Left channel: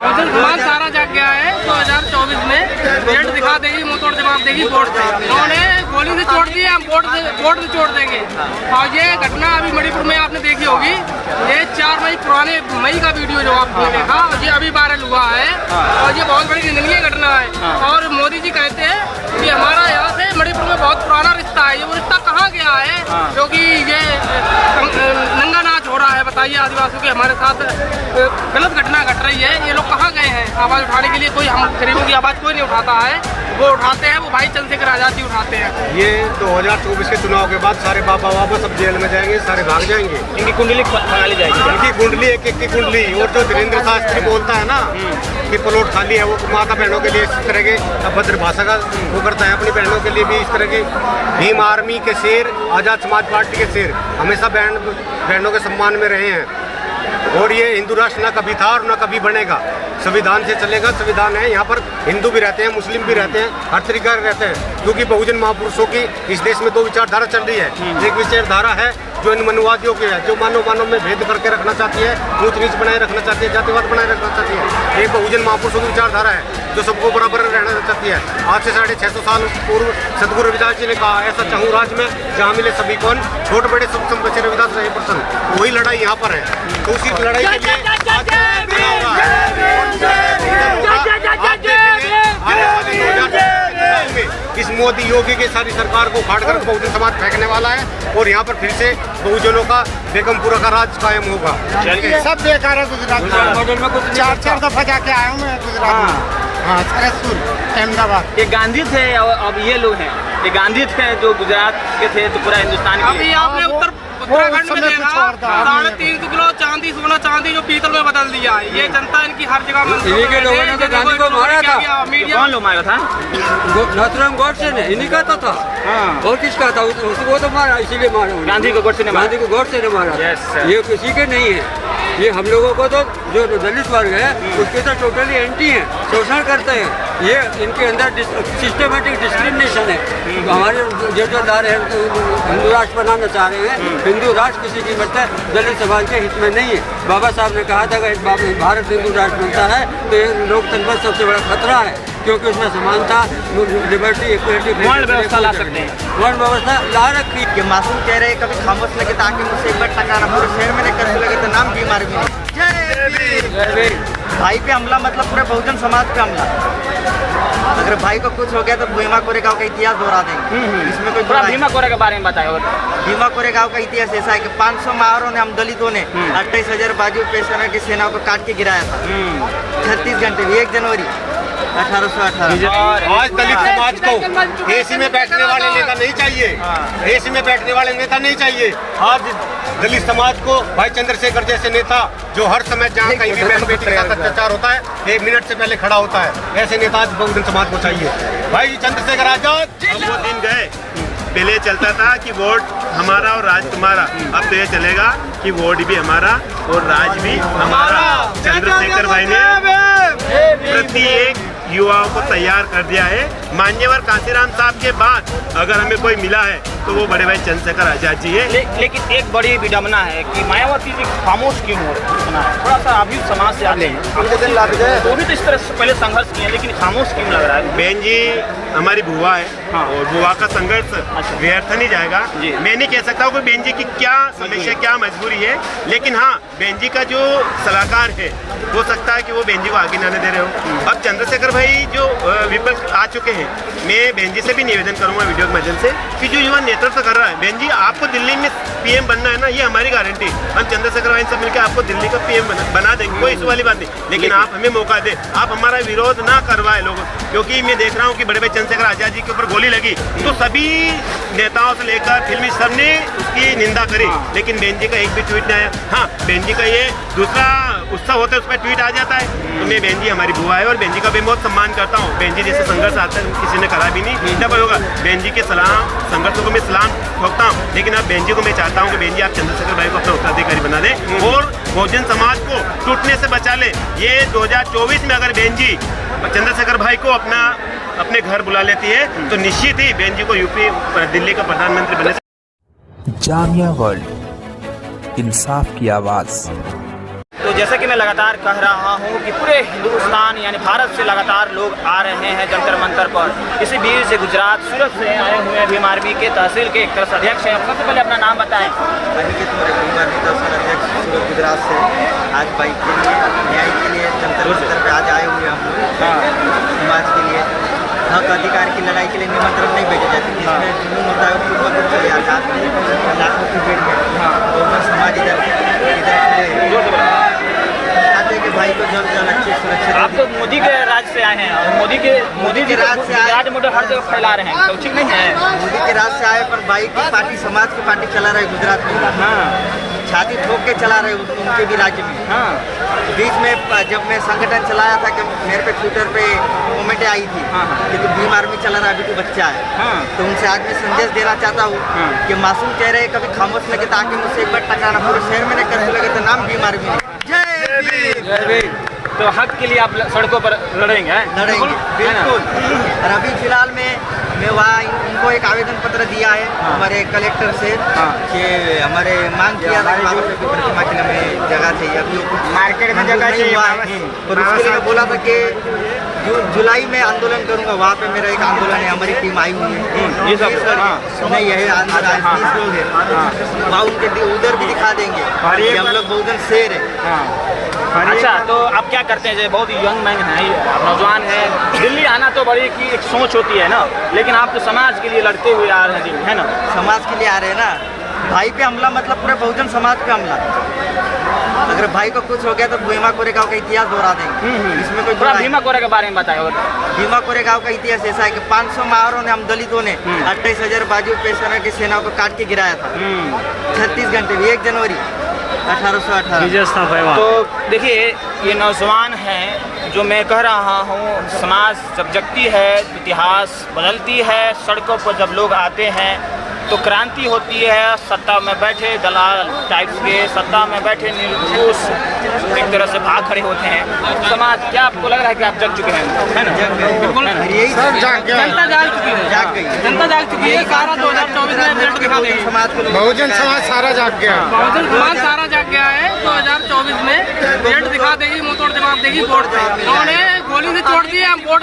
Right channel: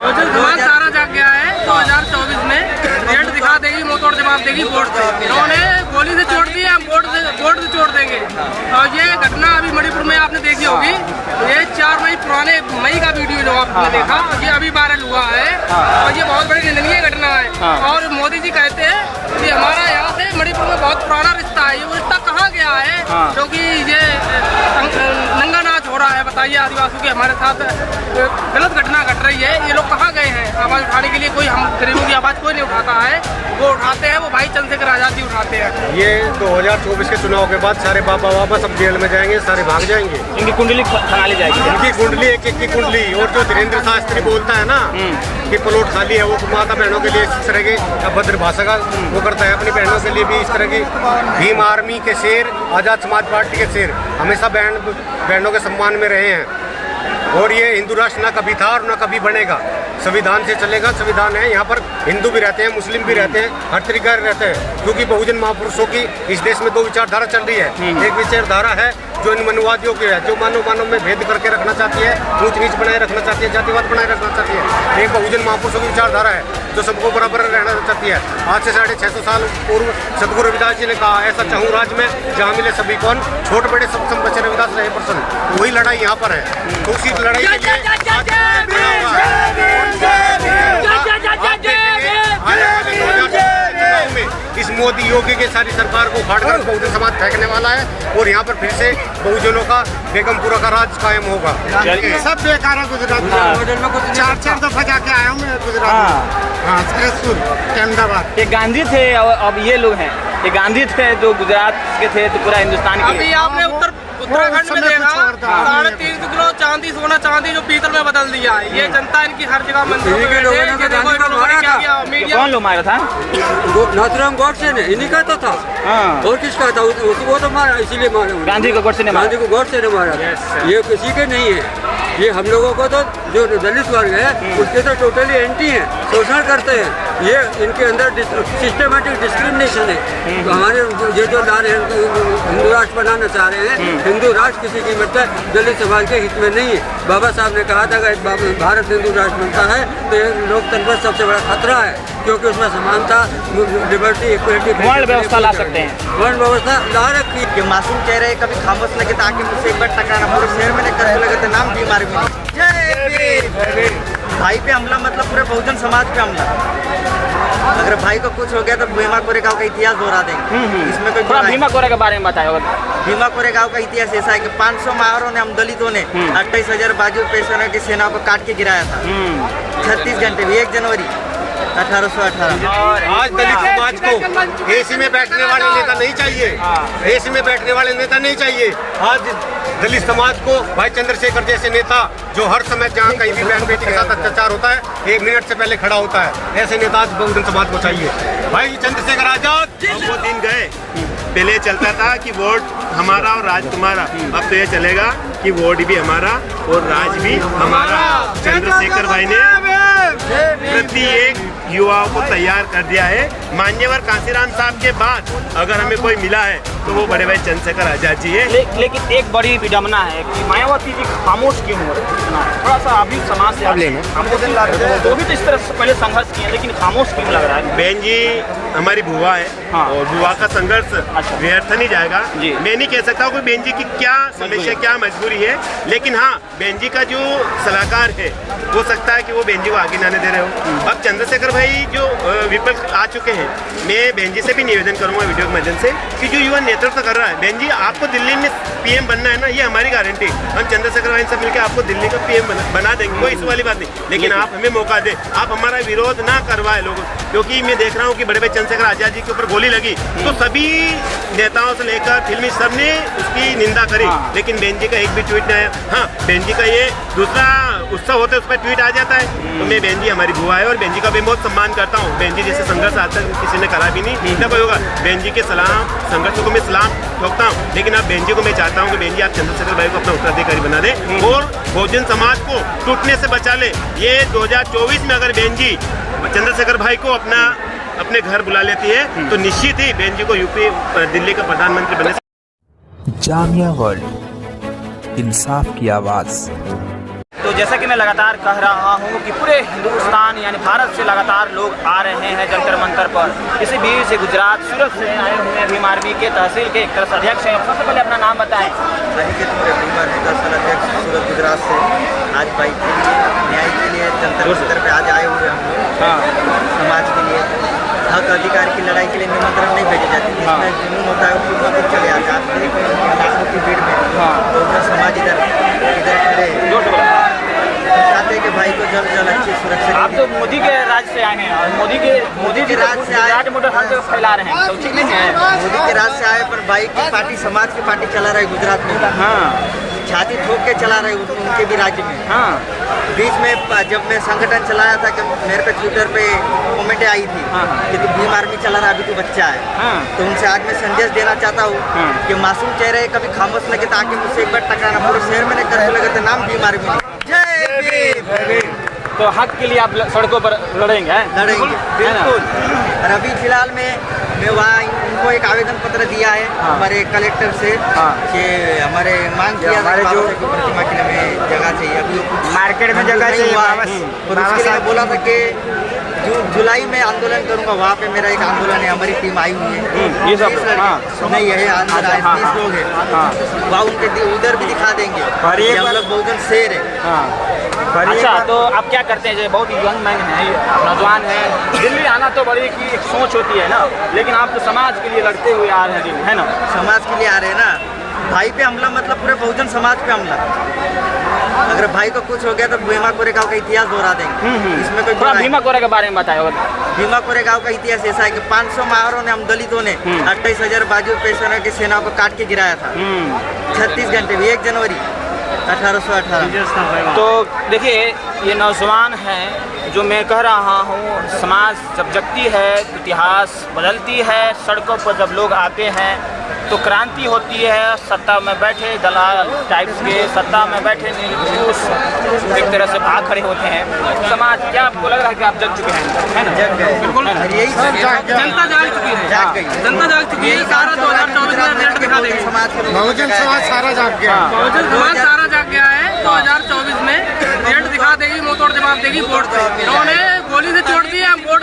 बहुजन समाज सारा जाग गया है। 2024 में रिजल्ट दिखा देगी, मुंह तोड़ जवाब देगी वोट से। इन्होंने गोली से छोड़ दी, हम वोट से छोड़ देंगे। और ये घटना अभी मणिपुर में आपने देखी होगी, ये 4 मई पुराने मई का वीडियो जो आपने देखा, और ये अभी वायरल हुआ है और ये बहुत बड़ी निंदनीय घटना है। और मोदी जी कहते हैं कि हमारा यहाँ से मणिपुर में बहुत पुराना रिश्ता है। ये वो रिश्ता कहाँ गया है? क्योंकि ये नंगा नाच हो रहा है। बताइए, आदिवासियों के हमारे साथ गलत घटना घट रही है। ये लोग कहाँ गए हैं आवाज उठाने के लिए? कोई हम गरीबों की आवाज कोई नहीं उठाता है। वो उठाते हैं, वो भाई चंद्रशेखर आजाद जी उठाते हैं। ये 2024 के चुनाव के बाद सारे बाबा वापस अब जेल में जाएंगे, सारे भाग जाएंगे। इनकी कुंडली खंगाली जाएगी, इनकी कुंडली एक की कुंडली। और जो धीरेन्द्र शास्त्री बोलता है ना कि प्लॉट खाली है, वो माता बहनों के लिए इस तरह के अभद्र भाषा का वो करता है। अपनी बहनों के लिए भी इस तरह की भीम आर्मी के शेर, आजाद समाज पार्टी के शेर हमेशा बहनों के सम्मान में रहे हैं। और ये हिंदू राष्ट्र ना कभी था और ना कभी बनेगा। संविधान से चलेगा, संविधान है। यहाँ पर हिंदू भी रहते हैं, मुस्लिम भी रहते हैं, हर तरीका रहते हैं। क्योंकि बहुजन महापुरुषों की इस देश में 2 विचारधारा चल रही है। एक विचारधारा है जो इन मनुवादियों की है, जो मानव में भेद करके रखना चाहती है, ऊंच नीच बनाए रखना चाहती है, जातिवाद बनाए रखना चाहती है। एक बहुजन महापुरुषों की विचारधारा है जो सबको बराबर रहना चाहती है। आज से 650 साल पूर्व सदगुरु रविदास जी ने कहा, ऐसा चाहूँ राज में जहाँ मिले सभी कौन, छोटे बड़े सब सम बचे रविदास रहे प्रसन्न। वही लड़ाई यहाँ पर है। तो उसी लड़ाई के लिए आज खड़ा हुआ आने वाले 2024 के चुनाव में इस मोदी योगी की सारी सरकार को उखाड़ कर बहुजन समाज फेंकने वाला है। और यहाँ पर फिर से बहुजनों का बेगमपुरा का राज कायम होगा। सब बेकार है गुजरात में। 4 दफा जाके आया हूँ मैं गुजरात में। हाँ, सरसपुर, अहमदाबाद। ये गांधी थे और अब ये लोग हैं। ये गांधी थे जो गुजरात के थे, तो पूरा हिंदुस्तान के। अभी आपने उत्तराखंड में देखा 3.5 किलो चांदी, सोना चांदी जो पीतल में बदल दिया है। ये जनता इनकी हर जगह मंदिरों में बैठे। ये देखो इन्होंने क्या किया। मीडिया कौन लोग मारा था? नाथुराम गॉडसे ने, इन्हीं का तो था। और किसका था? उसको तो मारा, इसीलिए मारा। गांधी को गॉडसे ने मारा। गांधी को गॉडसे ने मारा। ये किसी के नहीं है। ये हम लोगों को तो जो दलित वर्ग है उसके तो टोटली एंटी हैं, शोषण करते हैं। ये इनके अंदर सिस्टमेटिक डिस्क्रिमिनेशन है। हमारे जो ला रहे हैं, हिंदू राष्ट्र बनाना चाह रहे हैं, हिंदू राष्ट्र किसी कीमत पर दलित समाज के हित में नहीं है। बाबा साहब ने कहा था कि भारत हिंदू राष्ट्र बनता है तो ये लोकतंत्र पर सबसे बड़ा खतरा है, क्योंकि उसमें समानता, लिबर्टी, इक्वलिटी, वर्ण व्यवस्था ला सकते हैं। वर्ण व्यवस्था ला रखी। कि मासूम कह रहे कभी खामोश लगे ताकि मुझसे एक बार टकराना, पूरे शहर में कर लगे तो नाम बीमार भी नहीं। जय भाई पे हमला, मतलब पूरे बहुजन समाज पे हमला। अगर भाई को कुछ हो गया तो भीमा कोरेगांव का इतिहास दोहरा देंगे। इसमें कोई भीमा कोरेगांव के बारे में बताया। भीमा कोरेगांव का इतिहास ऐसा है कि 500 माहौरों ने, हम दलितों ने 28,000 बाजू पेशेवर की सेना को काट के गिराया था 36 घंटे में, 1 जनवरी 1818। आज दलित समाज को एसी में बैठने वाले नेता नहीं चाहिए। एसी में बैठने वाले नेता नहीं चाहिए। आज दलित समाज को भाई चंद्रशेखर जैसे नेता, जो हर समय जहाँ कहीं भी बहन बेटी के साथ अत्याचार होता है 1 मिनट से पहले खड़ा होता है, ऐसे नेता आज बहुजन समाज को चाहिए। भाई चंद्रशेखर आजाद। अब वो दिन गए। पहले चलता था कि वोट हमारा और राज तुम्हारा। अब तो ये चलेगा कि वोट भी हमारा और राज भी हमारा। चंद्रशेखर भाई ने प्रत्येक युवाओं को तैयार कर दिया है। मान्यवर कांसीराम साहब के बाद अगर हमें कोई मिला है तो वो बड़े भाई चंद्रशेखर आजाद जी है। लेकिन एक बड़ी विडम्बना है कि मायावती भी खामोश क्यों हो रही है? थोड़ा सा अभी समाज से तो भी तो इस तरह से पहले संघर्ष किया, लेकिन खामोश क्यों लग रहा है? बहन जी हमारी बुआ है। और बुआ का संघर्ष व्यर्थ नहीं जाएगा। मैं नहीं कह सकता हूँ बहन जी की क्या समस्या, क्या मजबूरी है, लेकिन हाँ बहन जी का जो सलाहकार है हो सकता है कि वो बहन जी को आगे ना दे रहे हो। अब चंद्रशेखर भाई जो विपक्ष आ चुके हैं, मैं बहन जी से भी निवेदन करूंगा वीडियो के माध्यम से कि जो युवा नेतृत्व कर रहा है, बहन जी आपको दिल्ली में पीएम बनना है ना, ये हमारी गारंटी। हम चंद्रशेखर भाई सब मिलकर आपको दिल्ली का पीएम बना देंगे, कोई इस वाली बात नहीं। लेकिन आप हमें मौका दें, आप हमारा विरोध ना करवाए लोगों, क्योंकि मैं देख रहा हूँ कि बड़े भाई चंद्रशेखर आजाद जी के ऊपर गोली लगी तो सभी नेताओं से लेकर फिल्मी सबने उसकी निंदा करी, लेकिन बहन जी का एक भी ट्वीट नहीं आया। हाँ बहन जी का ये दूसरा उत्सव होता है, उस पर ट्वीट आ जाता है। तो मैं बहन जी हमारी बुआ है और बहन जी का भी बहुत सम्मान करता हूँ। बहन जी जैसे संघर्ष आज तक किसी ने करा भी नहीं, ना कोई होगा। बहन जी के सलाम संघर्षों को मैं सलाम ठोकता हूँ, लेकिन अब बहन जी को मैं चाहता हूँ कि बहन जी आप चंद्रशेखर भाई को अपना उत्तराधिकारी बना दें और बहुजन समाज को टूटने से बचा ले। ये 2024 में अगर बहन जी चंद्रशेखर भाई को अपने घर बुला लेती है तो निश्चित ही बहन जी को यूपी दिल्ली का प्रधानमंत्री बनने। जामिया वर्ल्ड, इंसाफ की आवाज। तो जैसा कि मैं लगातार कह रहा हूँ कि पूरे हिंदुस्तान यानी भारत से लगातार लोग आ रहे हैं जंतर मंतर पर। इसी बीच से गुजरात सूरत से आए हुए हैं भीम आर्मी के तहसील के एक तरह अध्यक्ष हैं। सबसे पहले अपना नाम बताएं। अनिकेत मोरे, भीम आर्मी तहसील अध्यक्ष सूरत गुजरात से। आज भाई के लिए न्याय के लिए जंतर मंतर पे आज आए हुए हम लोग। समाज के लिए हक अधिकार की लड़ाई के लिए निमंत्रण नहीं भेजे जाते, जिसमें जुनून होता है वो खुद ब खुद चले आता है लाखों की भीड़ में। तो उधर समाज इधर खड़े चाहते हैं कि भाई को जल्द से जल्द अच्छी सुरक्षा। आप तो मोदी के राज से आए हैं और मोदी जी गुजरात मोटर हर जगह फैला रहे हैं, तो ठीक नहीं है? मोदी के राज से आए पर भाई की पार्टी समाज की पार्टी चला रहे गुजरात में। छाती ठोक के चला रहे उनके भी राज्य में। बीच में जब मैं संगठन चलाया था कि मेरे पे ट्विटर पे कमेंट आई थी कि तू भीम आर्मी चला रहा, अभी तू बच्चा है। तो उनसे आज मैं संदेश देना चाहता हूँ कि मासूम चेहरे कभी खामोश लगे ताकि मुझसे एक बार टकराना पूरे शहर में नहीं कर्फ्यू लगे तो नाम भीम आर्मी नहीं। जय भीम। तो हक के लिए आप सड़कों पर लड़ेंगे? लड़ेंगे बिल्कुल। और अभी फिलहाल में मैं वहाँ उनको एक आवेदन पत्र दिया है हमारे कलेक्टर से कि हमारे मांग किया था कि बाबा साहब की प्रतिमा के लिए हमें जगह चाहिए। अभी वो कुछ मार्केट में जगह नहीं हुआ है, पर उसके लिए मैं बोला था कि जुलाई में आंदोलन करूंगा। वहाँ पे मेरा एक आंदोलन है, हमारी टीम आई हुई है 20 लड़के नहीं है अंदर आए 30 लोग हैं। वहाँ उनके उधर भी दिखा देंगे कि हम लोग बहुजन शेर है। अच्छा, तो आप क्या करते हैं? बहुत यंग मैन है, आप नौजवान है, दिल्ली आना तो बड़ी की एक सोच होती है ना, लेकिन आप तो समाज के लिए लड़ते हुए आ रहे हैं, है ना? समाज के लिए आ रहे हैं ना। भाई पे हमला मतलब पूरे बहुजन समाज पे हमला। अगर भाई को कुछ हो गया तो भीमा कोरेगांव का इतिहास दोहरा देंगे। इसमें कोई भीमा कोरे के बारे में बताए। भीमा कोरेगांव का इतिहास ऐसा है कि 500 माहरों ने, हम दलितों ने 28,000 बाजू पेशेवरों की सेना को काट के गिराया था 36 घंटे में 1 जनवरी 1818। तो देखिए, ये नौजवान हैं जो मैं कह रहा हूँ, समाज जब जगती है तो इतिहास बदलती है। सड़कों पर जब लोग आते हैं तो क्रांति होती है। सत्ता में बैठे दलाल टाइप्स के, सत्ता में बैठे निर्दोष एक तरह से भाग खड़े होते हैं। समाज, क्या आपको लग रहा है कि आप जग चुके हैं? है ना? जग गए बिल्कुल। यही जनता जाग चुकी है, जाग गई, जनता जाग चुकी है। सारा 2024 में रिजल्ट दिखा देगी। समाज के बहुजन समाज सारा जाग गया। बहुजन समाज सारा जाग गया है। 2024 में रिजल्ट दिखा देगी, मुंह तोड़ जवाब देगी वोट से। इन्होंने गोली से छोड़ दी है, हम वोट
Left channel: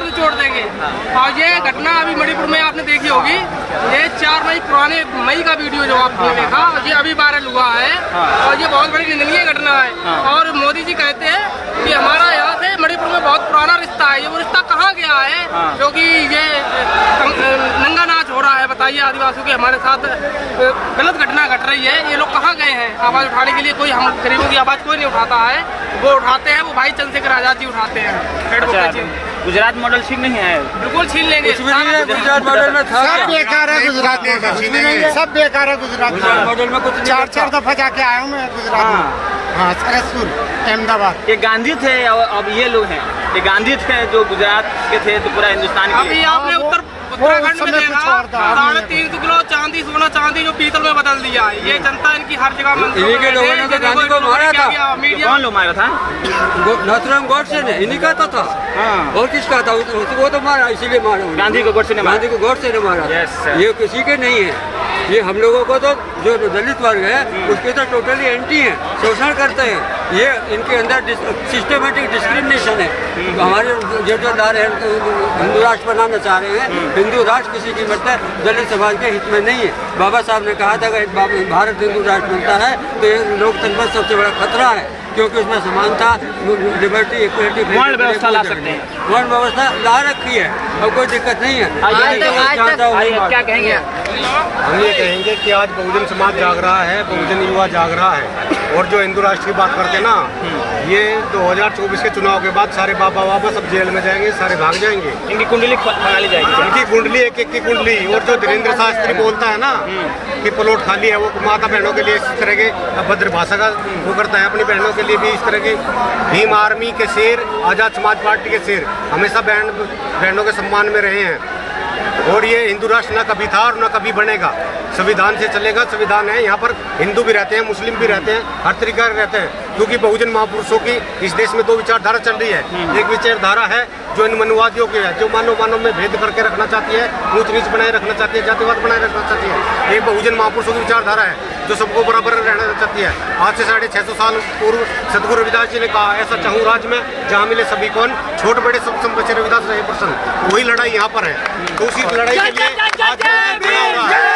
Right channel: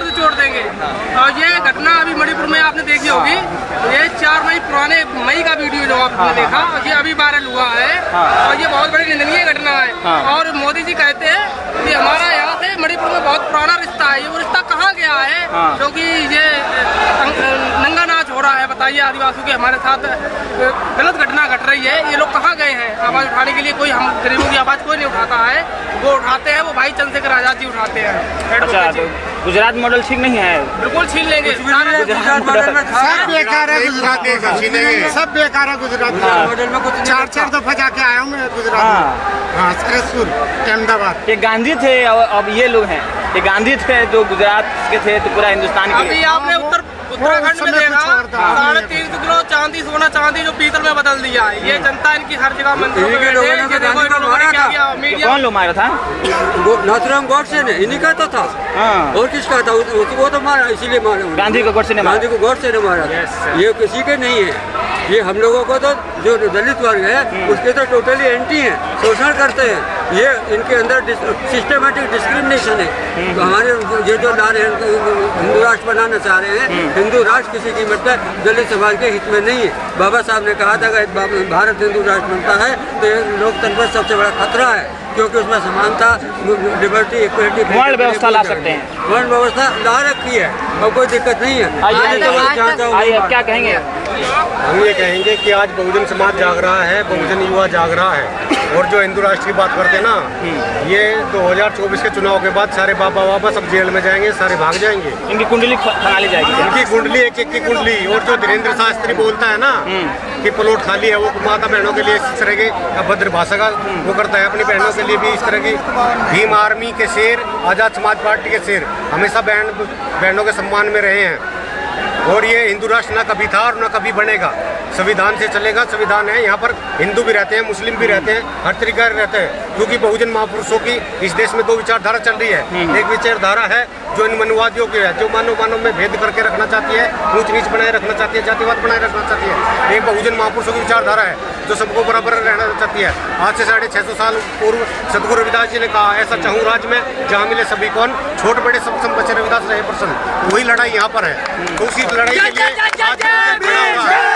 से छोड़ देंगे। और ये घटना अभी मणिपुर में आपने देखी होगी, ये 4 मई पुराने मई का वीडियो जो आपने देखा, ये अभी वायरल हुआ है और ये बहुत बड़ी निंदनीय घटना है। और मोदी जी कहते हैं कि हमारा यहाँ से मणिपुर में बहुत पुराना रिश्ता है। ये वो रिश्ता कहाँ गया है? क्योंकि ये नंगा नाच हो रहा है। बताइए, आदिवासियों के हमारे साथ गलत घटना घट रही है, ये लोग कहाँ गए हैं आवाज़ उठाने के लिए? कोई हम गरीबों की आवाज़ कोई नहीं उठाता है। वो उठाते हैं, वो भाई चंद्रशेखर आजाद जी उठाते हैं। गुजरात मॉडल ठीक नहीं है? बिल्कुल छीन लेंगे। सब बेकार है गुजरात में, छीनेंगे। सब बेकार है गुजरात में। 4 दफा जाके आया हूँ मैं गुजरात में। हाँ, सरसपुर, अहमदाबाद। ये गांधी थे और अब ये लोग हैं। ये गांधी थे जो गुजरात के थे तो पूरा हिंदुस्तान के। अभी आपने उत्तराखंड में देखा 350 किलो चांदी, सोना चांदी जो पीतल में बदल दिया है। ये जनता इनकी हर जगह मंदिरों में बैठे। ये देखो इन्होंने क्या किया। मीडिया कौन लोग मारा था? नाथुराम गॉडसे ने, इन्हीं का तो था। और किसका था? वो तो मारा, इसीलिए मारा। गांधी को गॉडसे ने मारा। गांधी को गॉडसे ने मारा। ये किसी के नहीं है। ये हम लोगों को तो जो दलित वर्ग है उसके तो टोटली एंटी हैं, शोषण करते हैं। ये इनके अंदर सिस्टमेटिक डिस्क्रिमिनेशन है। हमारे जो ला रहे हैं, हिंदू राष्ट्र बनाना चाह रहे हैं, हिंदू राष्ट्र किसी कीमत पर दलित समाज के हित में नहीं है। बाबा साहब ने कहा था कि भारत हिंदू राष्ट्र बनता है तो ये लोकतंत्र पर सबसे बड़ा खतरा है, क्योंकि उसमें समानता, लिबर्टी, इक्वलिटी, वर्ण व्यवस्था ला सकते हैं। वर्ण व्यवस्था ला रखी है और कोई दिक्कत नहीं है। क्या कहेंगे? हम ये कहेंगे कि आज बहुजन समाज जाग रहा है, बहुजन युवा जाग रहा है। और जो हिंदू राष्ट्र की बात करते हैं ना, ये 2024 के चुनाव के बाद सारे बाबा सब जेल में जाएंगे, सारे भाग जाएंगे। इनकी कुंडली खंगाली जाएगी। इनकी कुंडली, एक की कुंडली। और जो धीरेन्द्र शास्त्री बोलता है ना कि प्लॉट खाली है, वो माता बहनों के लिए इस तरह के अभद्र भाषा का वो करता है। अपनी बहनों के लिए भी इस तरह की। भीम आर्मी के शेर, आजाद समाज पार्टी के शेर हमेशा बहनों के सम्मान में रहे हैं। और ये हिंदू राष्ट्र ना कभी था और ना कभी बनेगा। संविधान से चलेगा। संविधान है, यहाँ पर हिंदू भी रहते हैं, मुस्लिम भी रहते हैं, हर तरीका रहते हैं, क्योंकि बहुजन महापुरुषों की इस देश में दो विचारधारा चल रही है। एक विचारधारा है जो इन मनुवादियों की है, जो मानव में भेद करके रखना चाहती है, ऊंच नीच बनाए रखना चाहती है, जातिवाद बनाए रखना चाहती है। एक बहुजन महापुरुषों की विचारधारा है जो सबको बराबर रहना चाहती है। आज से 650 साल पूर्व सदगुरु रविदास जी ने कहा, ऐसा चाहूँ राज में जहाँ मिले सभी कौन, छोट बड़े सब बच्चे रविदास रहे प्रसन्न। वही लड़ाई यहाँ पर है, तो उसी लड़ाई के लिए आज खड़ा हुआ है।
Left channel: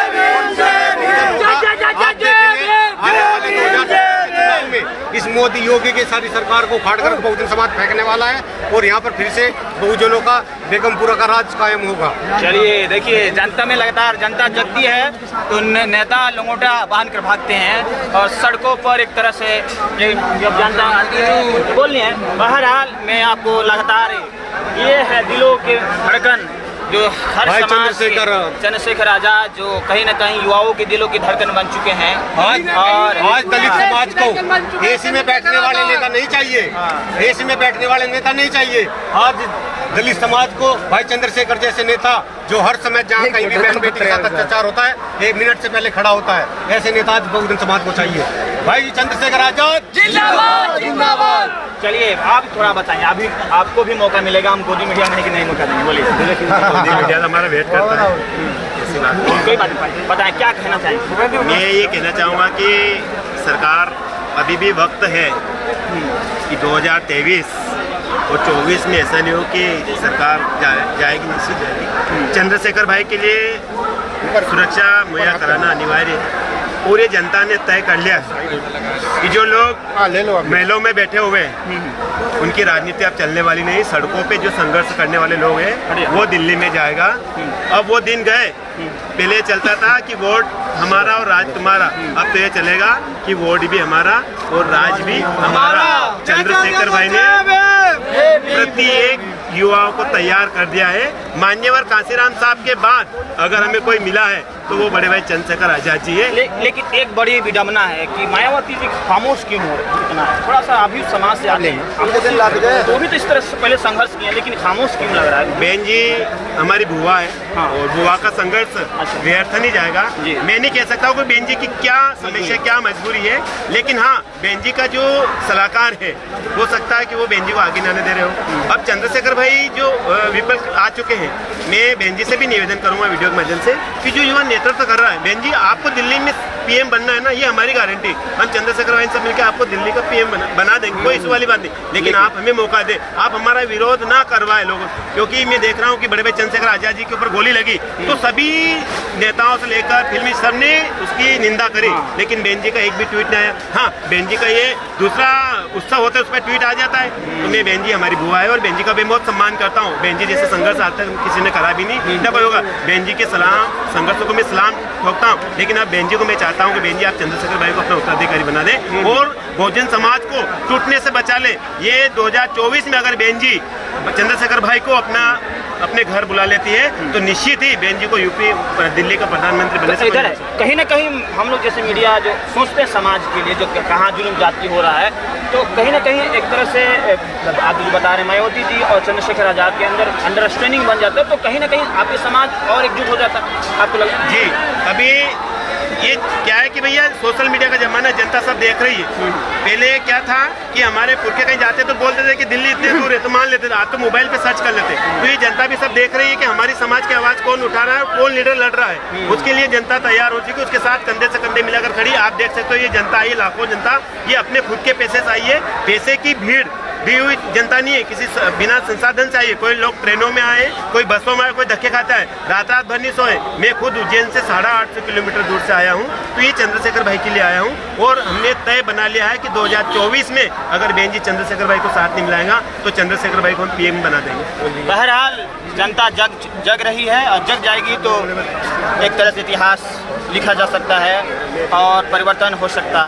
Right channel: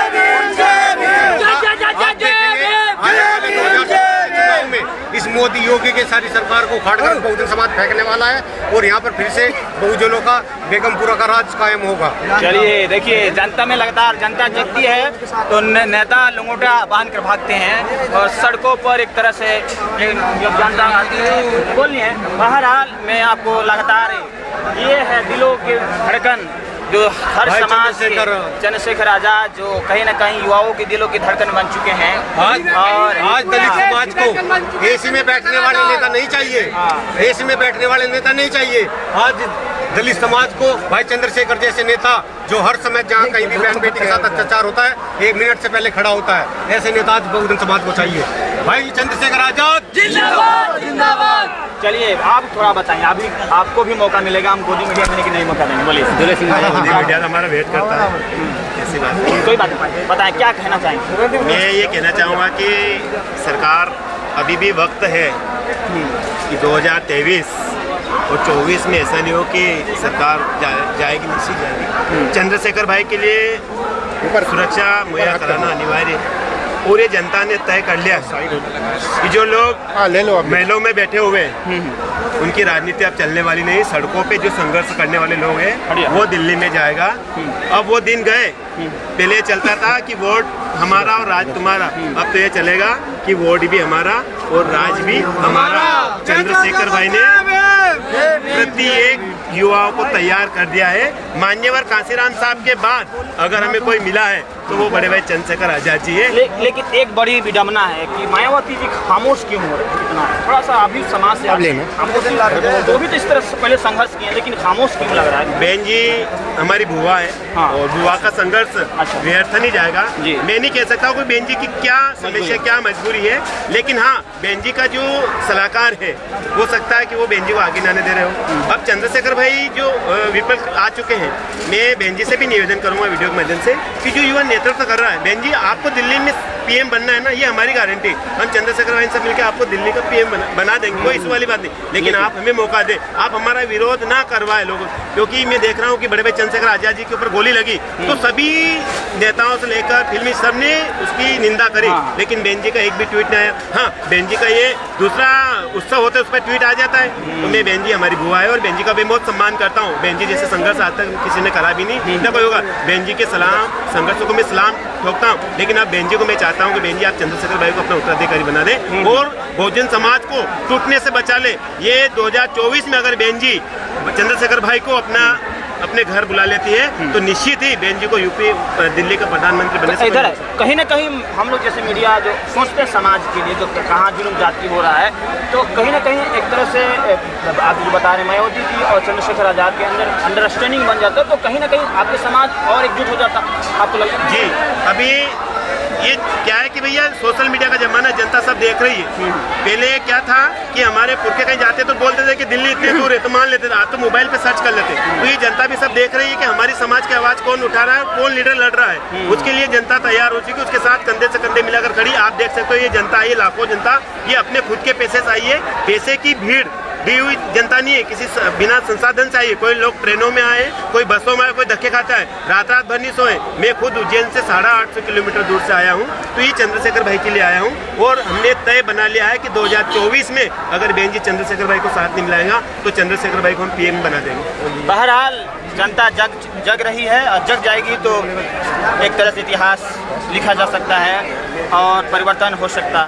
आप देखेंगे आने वाले 2024 के चुनाव में इस मोदी योगी की सारी सरकार को उखाड़कर बहुजन समाज फेंकने वाला है और यहाँ पर फिर से बहुजनों का बेगमपुरा का राज कायम होगा। चलिए देखिए, जनता में लगातार जनता जगती है तो नेता लंगोटा बांध कर भागते हैं और सड़कों पर एक तरह से जब जनता आती है बोलनी है। बहरहाल मैं आपको लगातार ये है दिलों के धड़कन जो हर समाज के चंद्रशेखर आजाद जो कहीं न कहीं युवाओं के दिलों की धड़कन बन चुके हैं। और आज दलित समाज को एसी में बैठने वाले नेता नहीं चाहिए, एसी में बैठने वाले नेता नहीं चाहिए। आज दलित समाज को भाई चंद्रशेखर जैसे नेता जो हर समय जहाँ कहीं भी बहन बेटी के साथ अत्याचार होता है 1 मिनट से पहले खड़ा होता है, ऐसे नेता आज बहुजन समाज को चाहिए। भाई चंद्रशेखर आजाद जिंदाबाद जिंदाबाद। चलिए आप थोड़ा बताएं, अभी आपको भी मौका मिलेगा, हम गोदी मीडिया में नहीं मौका देंगे। बोलिए। मोदी मीडिया हमारा वेट करता है, ऐसी बात नहीं। कोई बात नहीं, बताएं क्या कहना चाहेंगे। मैं ये कहना चाहूँगा कि सरकार अभी भी वक्त है कि 2023 और 24 में ऐसा नहीं हो कि सरकार जाएगी नहीं जाएगी। चंद्रशेखर भाई के लिए सुरक्षा मुहैया कराना अनिवार्य है और ये जनता ने तय कर लिया कि जो लोग महलों में बैठे हुए हैं उनकी राजनीति अब चलने वाली नहीं। सड़कों पे जो संघर्ष करने वाले लोग हैं वो दिल्ली में जाएगा। अब वो दिन गए, पहले चलता था कि वोट हमारा और राज तुम्हारा, अब तो ये चलेगा कि वोट भी हमारा और राज भी हमारा। चंद्रशेखर भाई ने प्रत्येक युवाओं को तैयार कर दिया है। मान्यवर कांसीराम साहब के बाद अगर हमें कोई मिला है तो वो बड़े भाई चंद्रशेखर आजाद जी है। लेकिन एक बड़ी विडम्बना है कि मायावती जी खामोश क्यों हो रही है? थोड़ा सा अभी समाज से आगे खामोश, तो भी तो इस तरह से पहले संघर्ष किए लेकिन खामोश क्यों लग रहा है? बहन जी हमारी बुआ है। हाँ। और बुआ का संघर्ष व्यर्थ नहीं जाएगा। मैं नहीं कह सकता कोई बहन जी की क्या समस्या क्या मजबूरी है, लेकिन हाँ बहन जी का जो सलाहकार है हो सकता है कि वो बहन जी को आगे आने दे रहे हो। अब चंद्रशेखर भाई जो विपक्ष आ चुके हैं, मैं बहन जी से भी निवेदन करूंगा वीडियो के माध्यम से कि जो युवा नेतृत्व कर रहा है, बहन जी आपको दिल्ली में पीएम बनना है ना, ये हमारी गारंटी। हम चंद्रशेखर भाई से मिलकर आपको दिल्ली का पीएम बना देंगे, कोई इस वाली बात नहीं। लेकिन आप हमें मौका दें, आप हमारा विरोध ना करवाए लोगों, क्योंकि मैं देख रहा हूँ कि बड़े भाई चंद्रशेखर आजाद जी के ऊपर गोली लगी तो सभी नेताओं से लेकर फिल्मी सबने उसकी निंदा करी, लेकिन बहन जी का एक भी ट्वीट नहीं आया। हाँ बहन जी का ये दूसरा उत्सव होता है उस पर ट्वीट आ जाता है। तो मैं बहन जी हमारी बुआ है और बहन जी का भी बहुत सम्मान करता हूँ। बहन जी जैसे संघर्ष आज तक किसी ने करा भी नहीं, ना कोई होगा। बहन जी के सलाम संघर्षों को मैं सलाम ठोकता हूँ, लेकिन अब बहन जी को मैं चाहता हूँ कि बहन जी आप चंद्रशेखर भाई को अपना उत्तराधिकारी बना दें और बहुजन समाज को टूटने से बचा ले। ये 2024 में अगर बहन जी चंद्रशेखर भाई को अपने घर बुला लेती है तो निश्चित ही बहन जी को यूपी दिल्ली का प्रधानमंत्री बनने से इधर है। कहीं ना कहीं हम लोग जैसे मीडिया जो सोचते हैं समाज के लिए जो कहाँ जुल्म जाती हो रहा है, तो कहीं ना कहीं एक तरह से आप जो बता रहे हैं मायावती जी और चंद्रशेखर आजाद के अंदर अंडरस्टैंडिंग बन जाता है, तो कहीं ना कहीं आपके समाज और एकजुट हो जाता आपको लगता है? जी अभी ये क्या है कि भैया सोशल मीडिया का जमाना, जनता सब देख रही है। पहले क्या था कि हमारे पुरखे कहीं जाते तो बोलते थे कि दिल्ली इतने दूर है, तो मान लेते थे, आज तो मोबाइल पे सर्च कर लेते। तो ये जनता भी सब देख रही है कि हमारी समाज की आवाज कौन उठा रहा है, कौन लीडर लड़ रहा है। उसके लिए जनता तैयार हो चुकी है, उसके साथ कंधे से कंधे मिलाकर खड़ी। आप देख सकते हो ये जनता आई है, लाखों जनता, ये अपने खुद के पैसे से आई है। पैसे की भीड़ दी हुई जनता नहीं है, किसी बिना संसाधन से आई है। कोई लोग ट्रेनों में आए, कोई बसों में आए, कोई धक्के खाता है, रात रात भर नहीं सोए। मैं खुद उज्जैन से 850 किलोमीटर दूर से आया हूँ, तो ये चंद्रशेखर भाई के लिए आया हूँ। और हमने तय बना लिया है कि 2024 में अगर बहन जी चंद्रशेखर भाई को साथ नहीं मिलाएगा तो चंद्रशेखर भाई को हम पीएम बना देंगे। बहरहाल जनता जग रही है और जग जाएगी तो एक तरह से इतिहास लिखा जा सकता है और परिवर्तन हो सकता है।